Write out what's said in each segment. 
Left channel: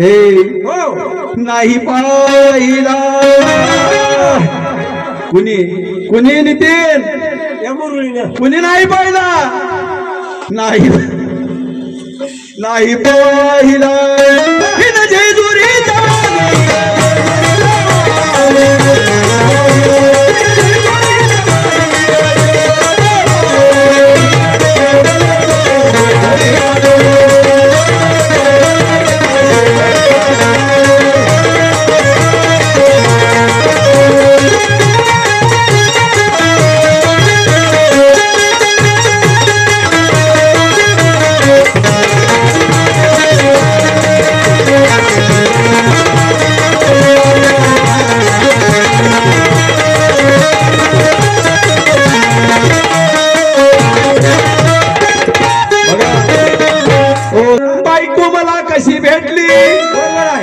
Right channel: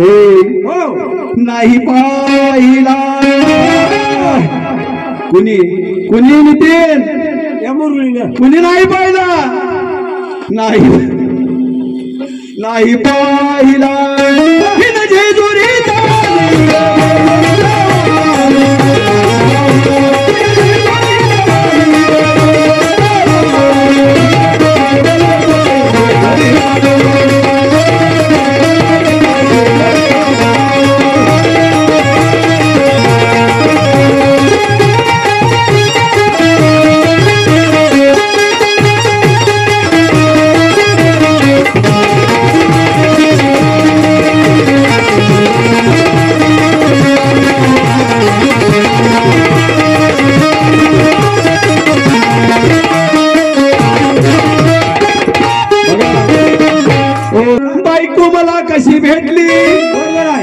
नाही पाहिला कुणी कुणी नितीन कुणी नाही पाहिला नाही नाही पाहिला जेजुरीचा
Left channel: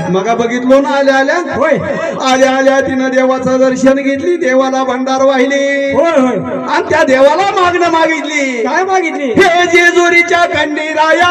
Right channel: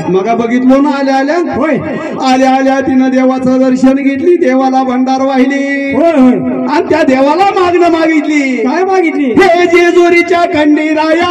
मग बघितलो ना आल्या आल्या होय आल्या आल्या तिनं देवाचं दर्शन घेतली देवाला भंडार वाहिली होय होय आणि त्या देवाला मागणं मागितली काय मागितली हे जेजुरीच्या खंडीराया